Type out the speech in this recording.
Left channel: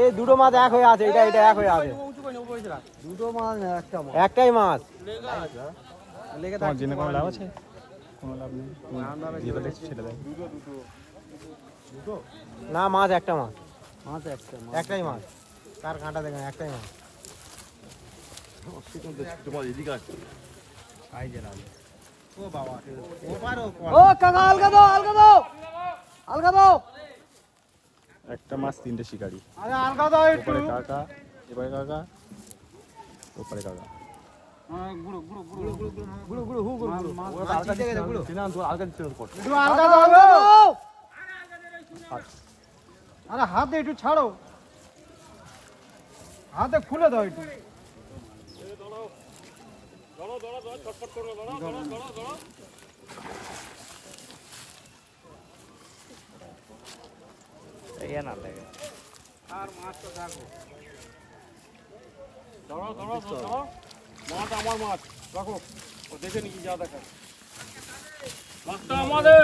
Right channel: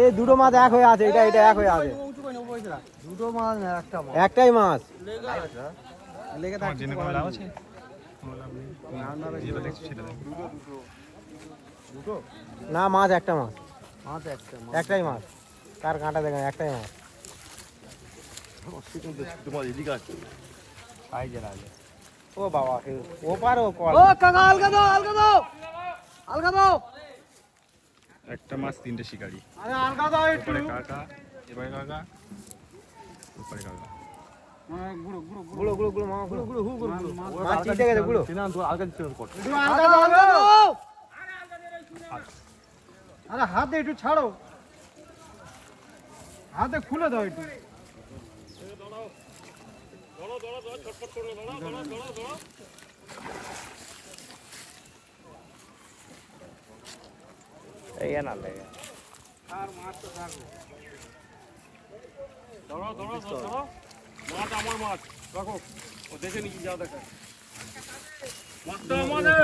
এই দুটো মাছ এক হয়ে আছে, এটা এটা এক হয়ে আছে। দুটো মাছ একটাই মাছ। তোমার জেনে কোনো লাভ আছে? কোনো লাভ নেই, যেটা দেখছি সেটা দেখ। না মাছ একটা মাছ, মাছ একটা একটাই মাছ। কার কাঁটা দেখেন, একটাই মাছ। ছোট মাছ এদিকে আছে। ও বাবা, ও পার ও পার। ও কাকা আলগা দাও, আলগা দাও, আলগা দাও। একটা মাছ তিনটে শিকারি। আরে আলগা দাও একটু। ওপরে কাকা, এবারে কাকা, ওপরে কাকা। গুড়ো গুড়ো গুড়ো গুড়ো গুড়ো মা গুড়ো গুড়ো হু গুড়ো। ওরা তো আলগা দিচ্ছে না, চেনা তো আলগা দিচ্ছে না কত। একটু আলগা দাও গো। আরে হাতে একটু ছাড়ো, হাতে খুলে দাও একটু। এই না লে। মাছ আমার মাছ রাখো, ও দেখে নিবি যা দেখা। মাছটা আমাদের।